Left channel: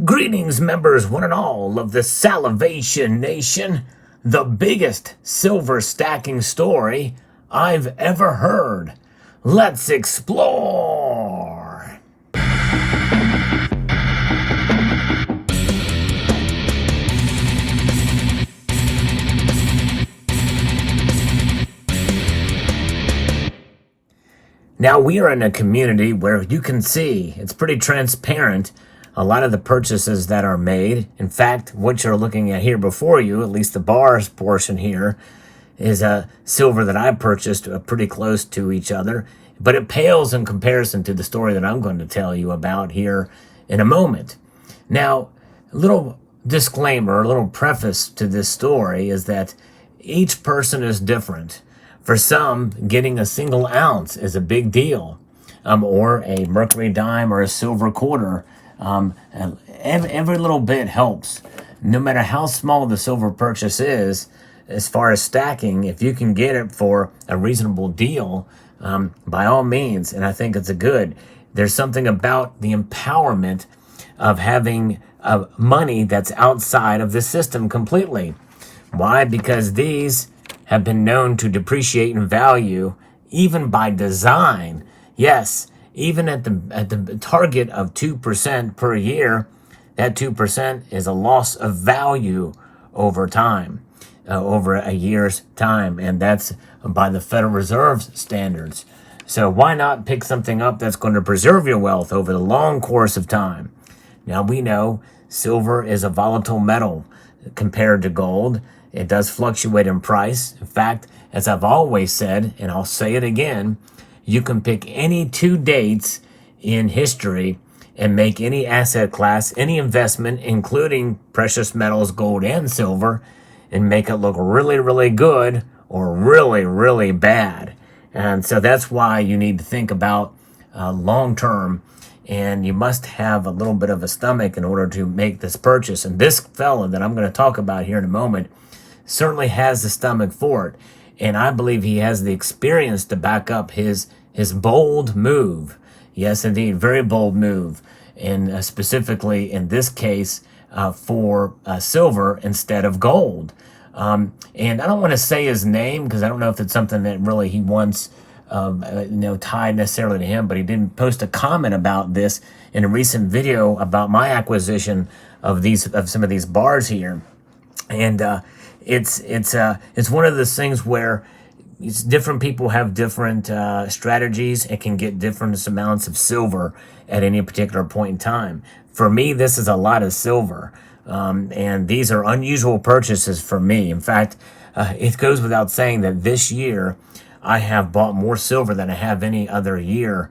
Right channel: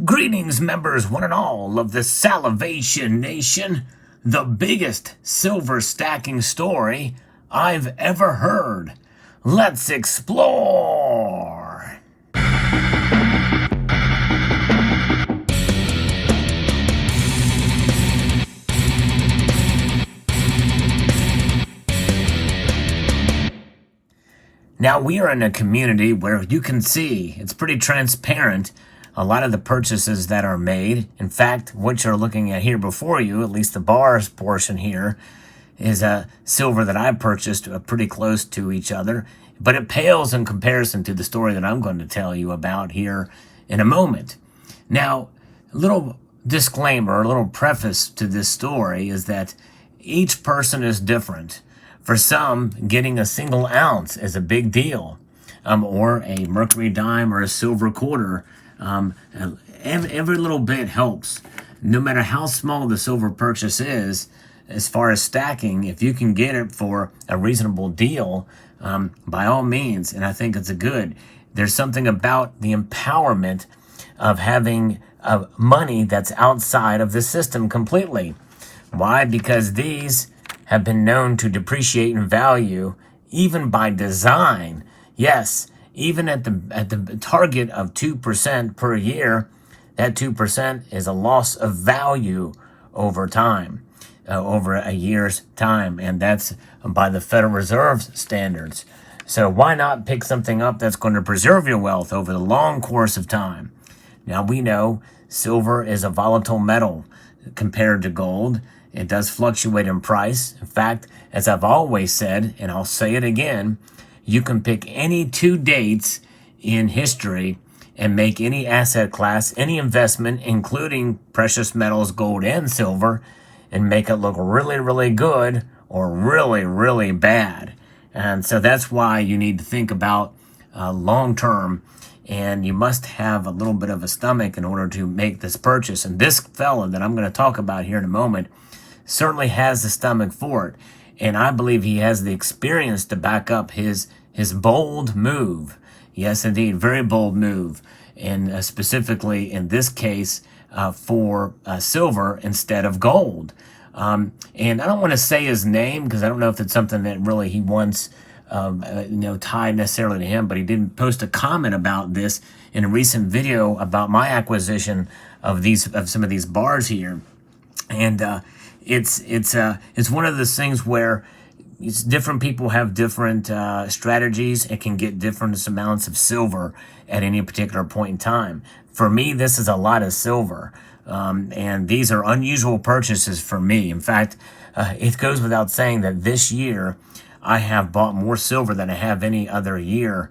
Greetings, members, one and all of the Salivation Nation. The biggest silver stacking story I've ever heard. Let's explore. Now, we are in a community where you can see it's pretty transparent. A lot of the purchases that are made, in fact, what you're looking at here before you, at least the bars portion here, is a silver that I purchased pretty close to each other, but it pales in comparison to the story that I'm going to tell you about here in a moment. Now, a little disclaimer, a little preface to this story is that each person is different. For some, getting a single ounce is a big deal, or a mercury dime or a silver quarter. Every little bit helps. No matter how small the silver purchase is, as far as stacking, if you can get it for a reasonable deal, by all means, and I think it's a good. There's something about the empowerment of having money that's outside of the system completely. Why? Because these have been known to depreciate in value, even by design. Yes, even at the target of 2% per year, that 2% is a loss of value over time, over a year's time, and that's by the Federal Reserve's standards. So why not pick something up that's going to preserve your wealth over the long course of time? Now, we know silver is a volatile metal compared to gold. It does fluctuate in price. In fact, as I've always said, and I'll say it again, you can pick any two dates in history and make any asset class, any investment, including precious metals, gold and silver, and make it look really, really good or really, really bad. And so that's why you need to think about long term, and you must have a little bit of a stomach in order to make this purchase. And this fella that I'm going to talk about here in a moment certainly has the stomach for it. And I believe he has the experience to back up his bold move. Yes, indeed, very bold move. And specifically in this case for silver instead of gold. And I don't want to say his name because I don't know if it's something that really he wants tied necessarily to him, but he did post a comment about this in a recent video about my acquisition of some of these bars here. And it's one of those things where different people have different strategies and can get different amounts of silver at any particular point in time. For me, this is a lot of silver, and these are unusual purchases for me. In fact, it goes without saying that this year I have bought more silver than I have any other year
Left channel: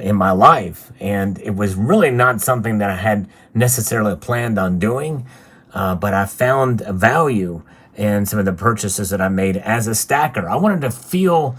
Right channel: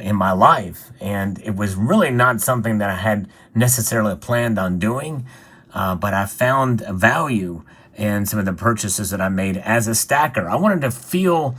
in my life, and it was really not something that I had necessarily planned on doing, but I found a value in some of the purchases that I made as a stacker. I wanted to feel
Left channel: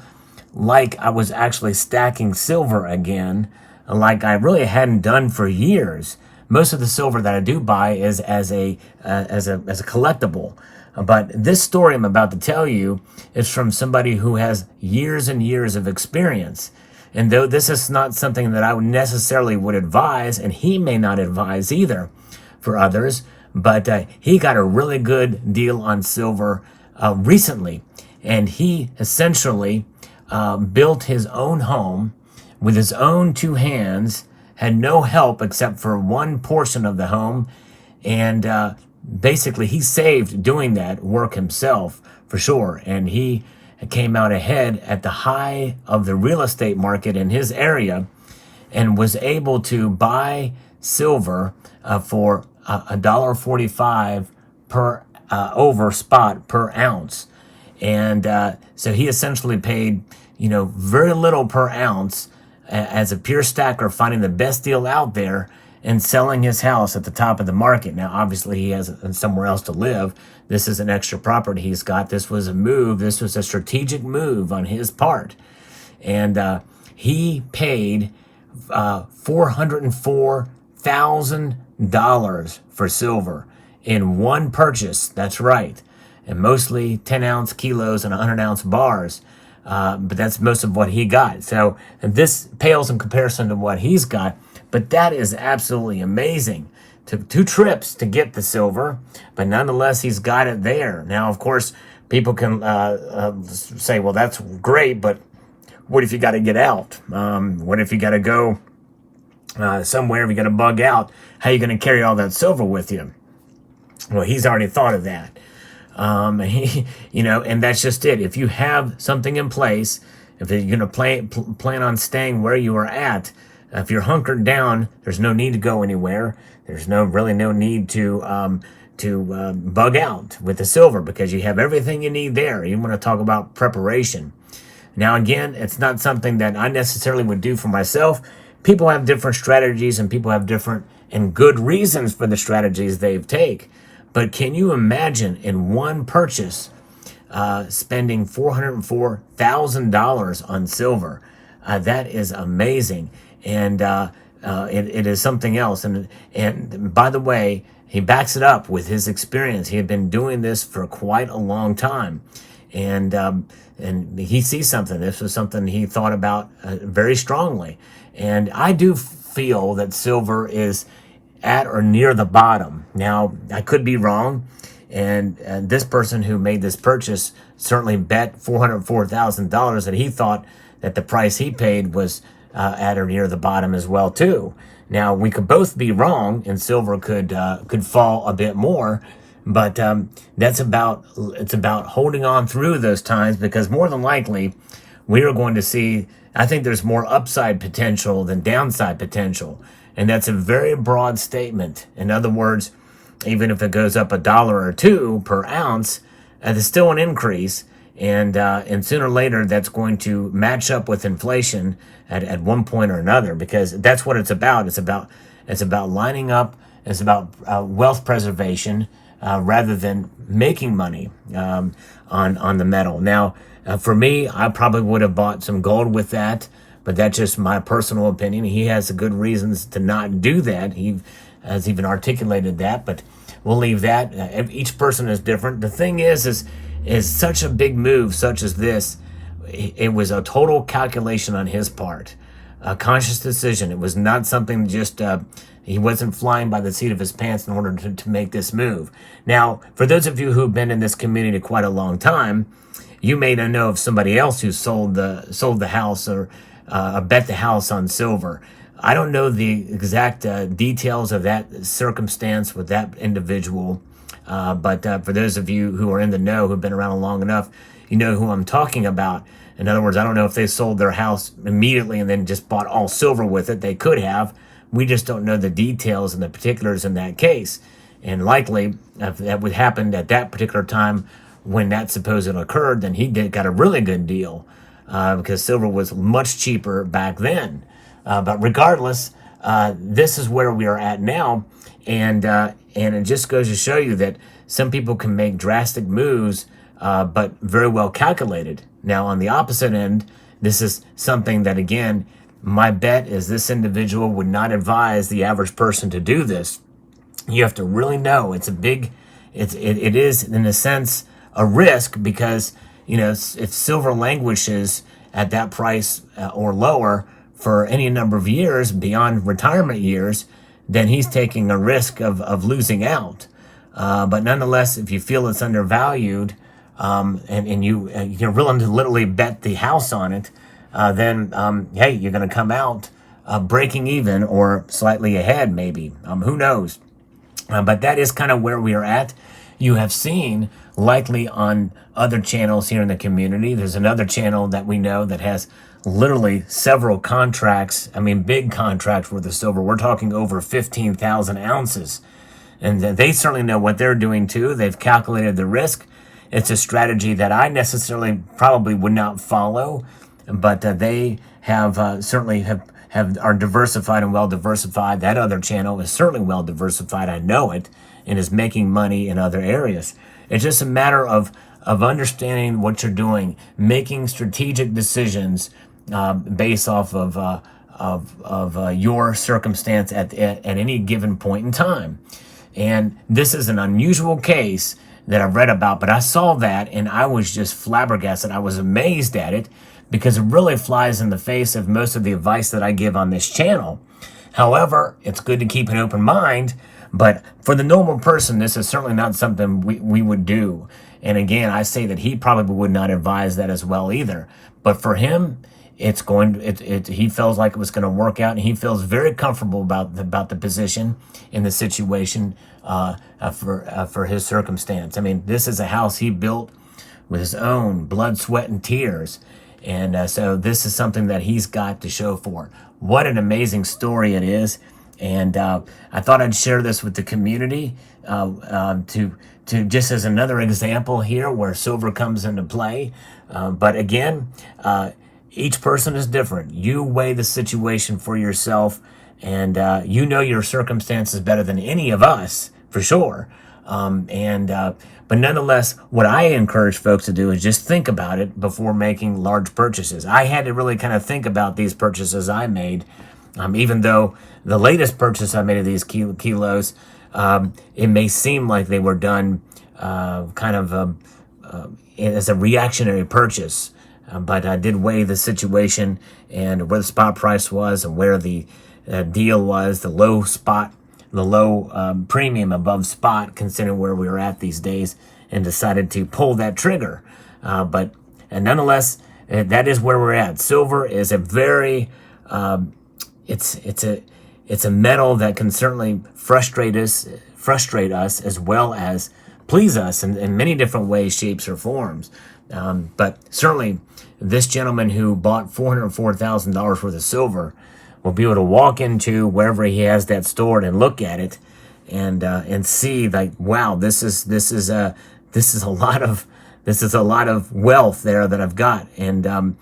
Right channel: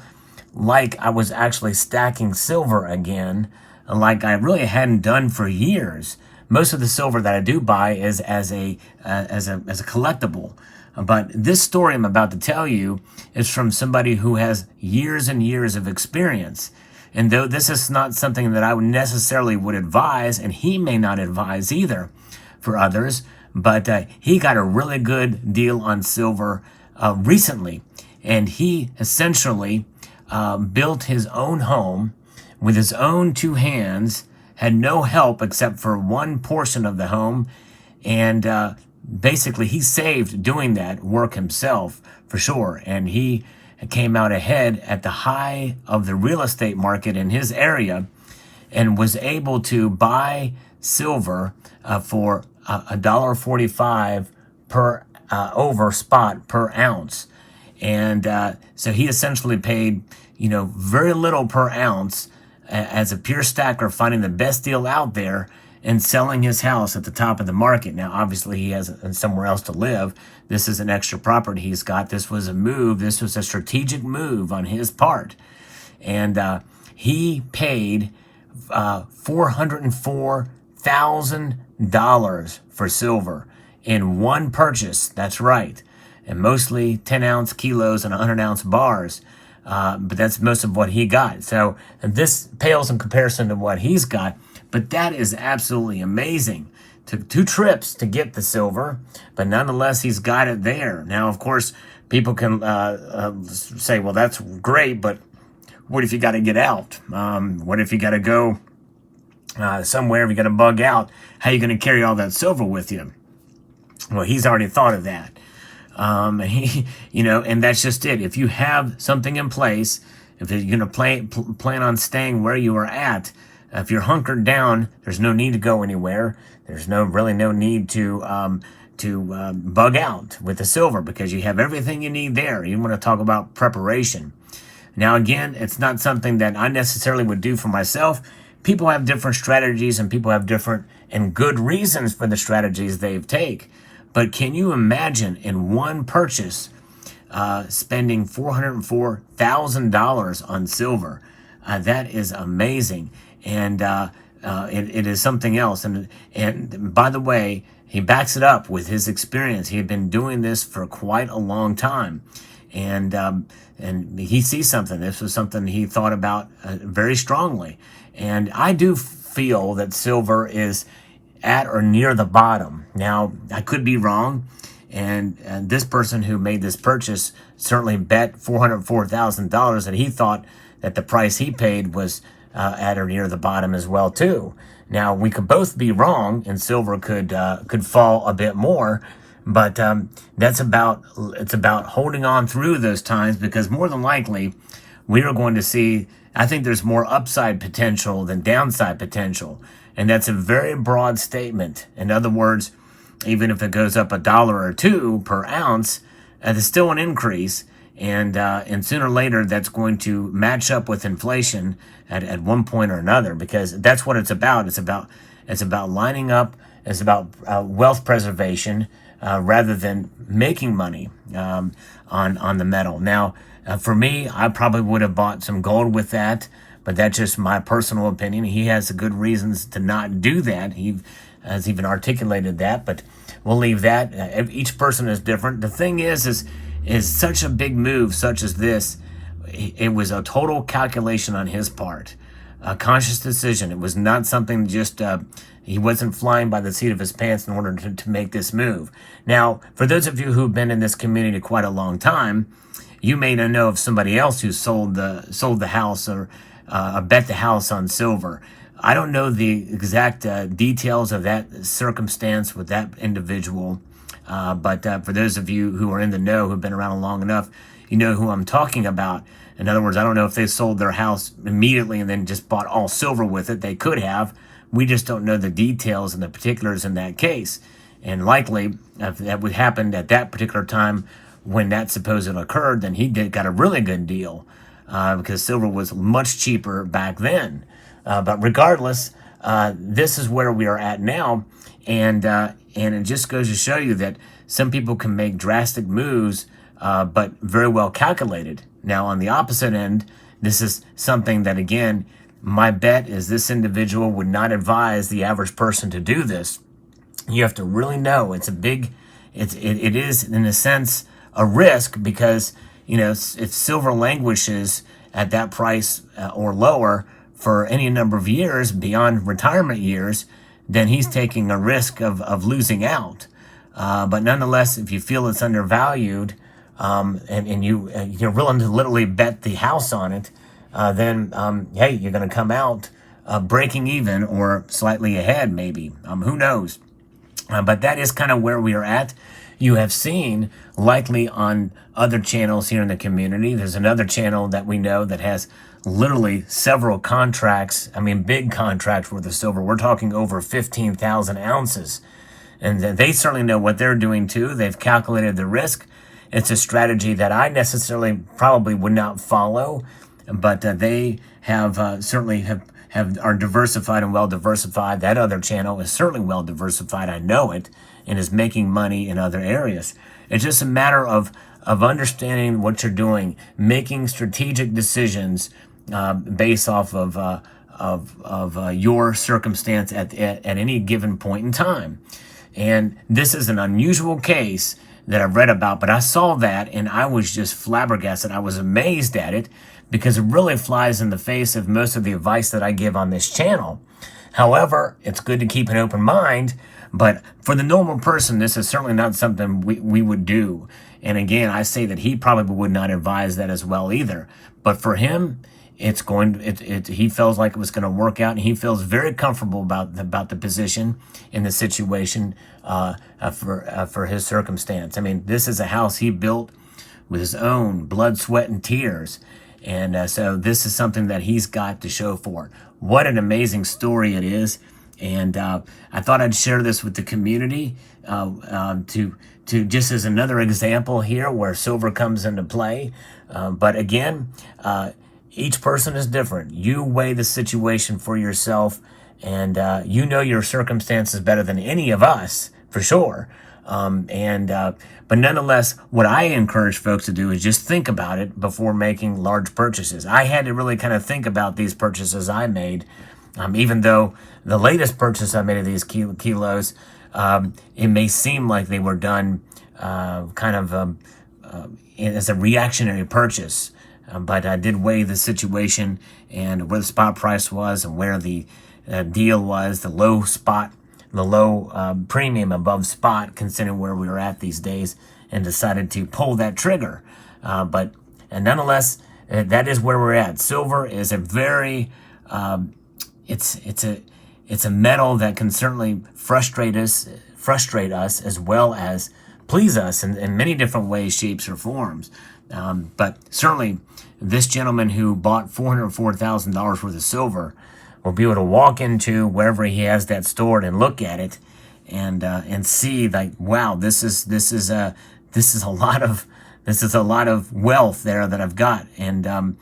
like I was actually stacking silver again, like I really hadn't done for years. Most of the silver that I do buy is as a collectible. But this story I'm about to tell you is from somebody who has years and years of experience. And though this is not something that I necessarily would advise, and he may not advise either for others, but he got a really good deal on silver recently. And he essentially built his own home with his own two hands, had no help except for one portion of the home. And basically he saved doing that work himself for sure. And he came out ahead at the high of the real estate market in his area and was able to buy silver for $1.45 per over spot per ounce. And so he essentially paid, very little per ounce as a pure stacker, finding the best deal out there and selling his house at the top of the market. Now, obviously, he has somewhere else to live. This is an extra property he's got. This was a move. This was a strategic move on his part. And he paid $404,000 for silver in one purchase. That's right. And mostly 10-ounce kilos and 100-ounce bars. But that's most of what he got. So this pales in comparison to what he's got. But that is absolutely amazing took 2 trips to get the silver, but nonetheless, he's got it there. Now, of course, people can say, well, that's great, but what if you got to get out? What if you got to go somewhere, if you got to bug out? How are you going to carry all that silver with you? Well, he's already thought of that. And that's just it. If you have something in place, if you're going to plan on staying where you are at, if you're hunkered down, there's no need to go anywhere. There's really no need to bug out with the silver, because you have everything you need there. You want to talk about preparation. Now, again, it's not something that I necessarily would do for myself. People have different strategies, and people have different and good reasons for the strategies they take. But can you imagine in one purchase spending $404,000 on silver? That is amazing. And it is something else. And by the way, he backs it up with his experience. He had been doing this for quite a long time. And he sees something. This was something he thought about very strongly. And I do feel that silver is at or near the bottom. Now, I could be wrong. And this person who made this purchase certainly bet $404,000 that he thought that the price he paid was at or near the bottom as well too. Now, we could both be wrong, and silver could fall a bit more, but it's about holding on through those times, because more than likely we are going to see, I think there's more upside potential than downside potential, and that's a very broad statement. In other words, even if it goes up $1 or $2 per ounce, there's still an increase. And sooner or later, that's going to match up with inflation at one point or another, because that's what it's about. It's about lining up. It's about wealth preservation rather than making money on the metal. Now, for me, I probably would have bought some gold with that, but that's just my personal opinion. He has good reasons to not do that. He has even articulated that, but we'll leave that. Each person is different. The thing is such a big move such as this, it was a total calculation on his part, a conscious decision. It was not something just, he wasn't flying by the seat of his pants in order to make this move. Now, for those of you who've been in this community quite a long time, you may not know of somebody else who sold the house or bet the house on silver. I don't know the exact details of that circumstance with that individual. But for those of you who are in the know, who've been around long enough, you know who I'm talking about. In other words, I don't know if they sold their house immediately and then just bought all silver with it. They could have. We just don't know the details and the particulars in that case. And likely, if that would happen at that particular time when that supposedly occurred, then he got a really good deal because silver was much cheaper back then. But regardless, this is where we are at now. And it just goes to show you that some people can make drastic moves, but very well calculated. Now, on the opposite end, this is something that, again, my bet is this individual would not advise the average person to do this. You have to really know it is, in a sense, a risk, because, if silver languishes at that price or lower for any number of years beyond retirement years, then he's taking a risk of losing out. But nonetheless, if you feel it's undervalued, and you're willing to literally bet the house on it, then hey, you're going to come out breaking even or slightly ahead, maybe. Who knows? But that is kind of where we are at. You have seen, likely on other channels here in the community, there's another channel that we know that has literally several contracts, big contracts worth of silver. We're talking over 15,000 ounces. And they certainly know what they're doing too. They've calculated the risk. It's a strategy that I necessarily probably would not follow, but they have certainly are diversified and well diversified. That other channel is certainly well diversified. I know it, and is making money in other areas. It's just a matter of understanding what you're doing, making strategic decisions based off of your circumstance at any given point in time. And this is an unusual case that I've read about, but I saw that and I was just flabbergasted. I was amazed at it because it really flies in the face of most of the advice that I give on this channel. However, it's good to keep an open mind, But for the normal person, this is certainly not something we would do. And again, I say that he probably would not advise that as well either. But for him, he feels like it was going to work out, and he feels very comfortable about the position in the situation for his circumstance. I mean, this is a house he built with his own blood, sweat, and tears. And so this is something that he's got to show for it. What an amazing story it is. And I thought I'd share this with the community to just as another example here where silver comes into play. But again, each person is different. You weigh the situation for yourself, and you know your circumstances better than any of us, for sure. But nonetheless, what I encourage folks to do is just think about it before making large purchases. I had to really kind of think about these purchases I made, even though the latest purchase I made of these kilos, it may seem like they were done as a reactionary purchase. But I did weigh the situation and where the spot price was and where the deal was, the low premium above spot, considering where we were at these days, and decided to pull that trigger. But nonetheless, that is where we're at. Silver is a very, it's a metal that can certainly frustrate us as well as please us in many different ways, shapes, or forms. But certainly, this gentleman who bought $404,000 worth of silver will be able to walk into wherever he has that stored and look at it and see, like, wow, this is a lot of wealth there that I've got, and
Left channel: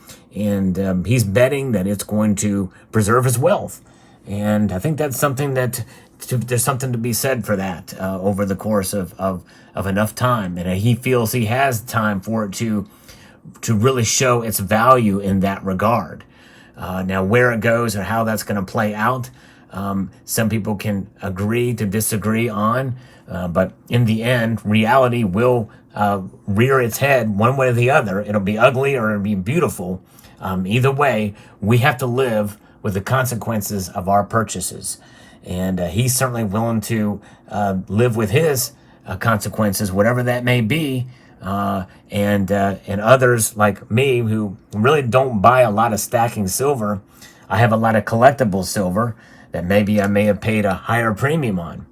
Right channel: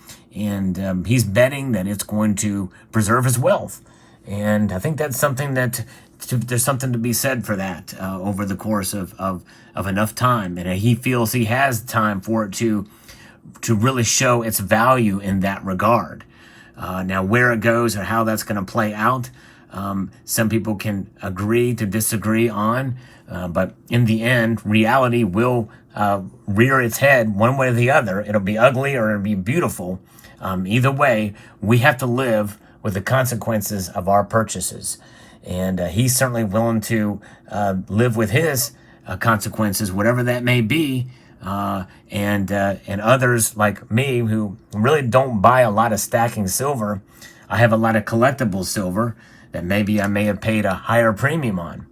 he's betting that it's going to preserve his wealth, and I think that's something there's something to be said for that over the course of enough time, and he feels he has time for it to really show its value in that regard. Now, where it goes or how that's going to play out, some people can agree to disagree on, but in the end, reality will rear its head one way or the other. It'll be ugly or it'll be beautiful. Either way, we have to live with the consequences of our purchases. And he's certainly willing to live with his consequences, whatever that may be. And others like me who really don't buy a lot of stacking silver. I have a lot of collectible silver that maybe I may have paid a higher premium on.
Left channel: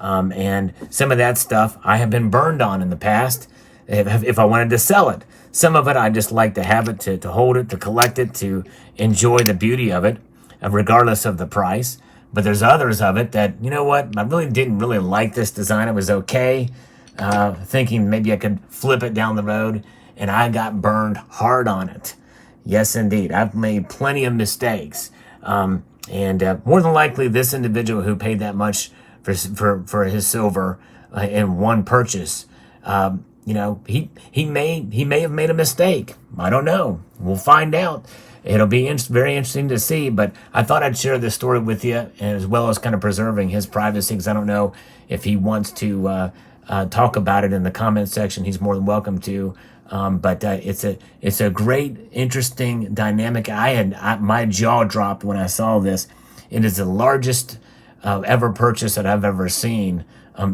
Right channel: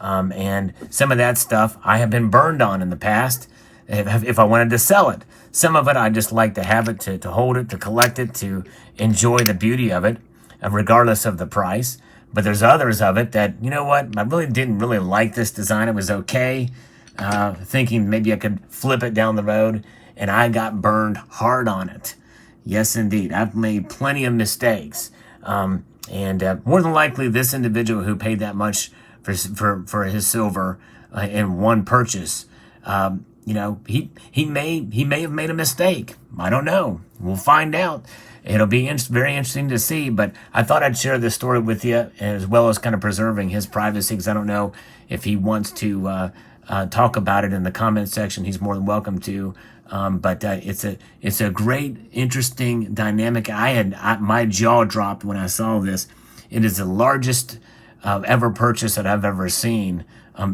And some of that stuff I have been burned on in the past if I wanted to sell it. Some of it I just like to have it, to hold it, to collect it, to enjoy the beauty of it, regardless of the price. But there's others of it that, you know what, I really didn't really like this design. It was okay. Thinking maybe I could flip it down the road, and I got burned hard on it. Yes, indeed. I've made plenty of mistakes. And more than likely, this individual who paid that much for his silver in one purchase, he may have made a mistake. I don't know. We'll find out. It'll be very interesting to see, but I thought I'd share this story with you, as well as kind of preserving his privacy, because I don't know if he wants to talk about it in the comment section. He's more than welcome to. But it's a great, interesting dynamic. My jaw dropped when I saw this. It is the largest ever purchase that I've ever seen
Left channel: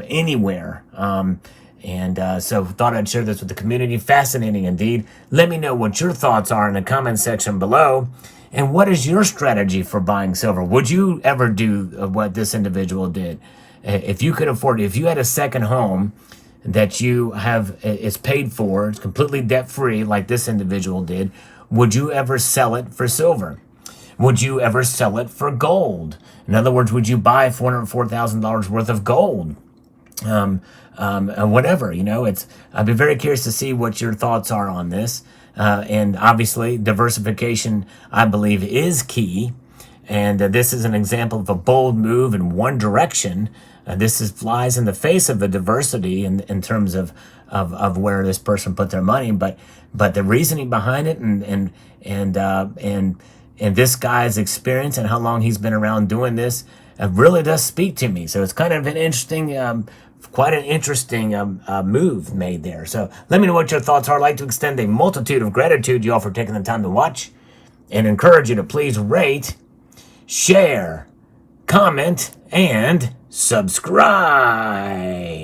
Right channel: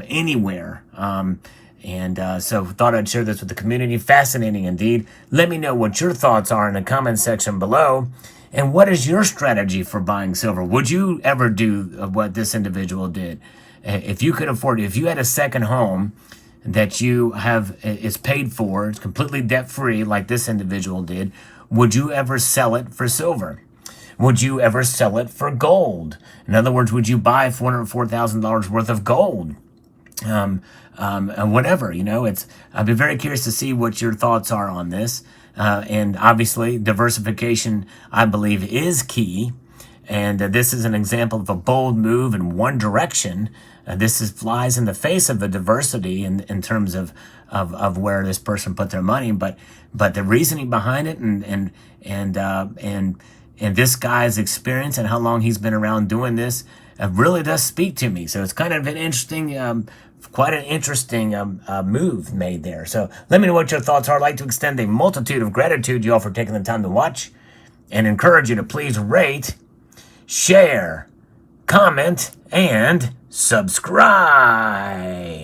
anywhere. So thought I'd share this with the community. Fascinating indeed. Let me know what your thoughts are in the comment section below. And what is your strategy for buying silver? Would you ever do what this individual did? If you could afford it, if you had a second home that you have is paid for, it's completely debt-free like this individual did, would you ever sell it for silver? Would you ever sell it for gold? In other words, would you buy $404,000 worth of gold? Whatever, I'd be very curious to see what your thoughts are on this. And obviously, diversification, I believe, is key. And this is an example of a bold move in one direction. This flies in the face of the diversity in terms of where this person put their money, but the reasoning behind it and this guy's experience and how long he's been around doing this really does speak to me. So it's kind of an interesting, quite an interesting move made there. So let me know what your thoughts are. I'd like to extend a multitude of gratitude to you all for taking the time to watch, and encourage you to please rate, share, comment, and subscribe.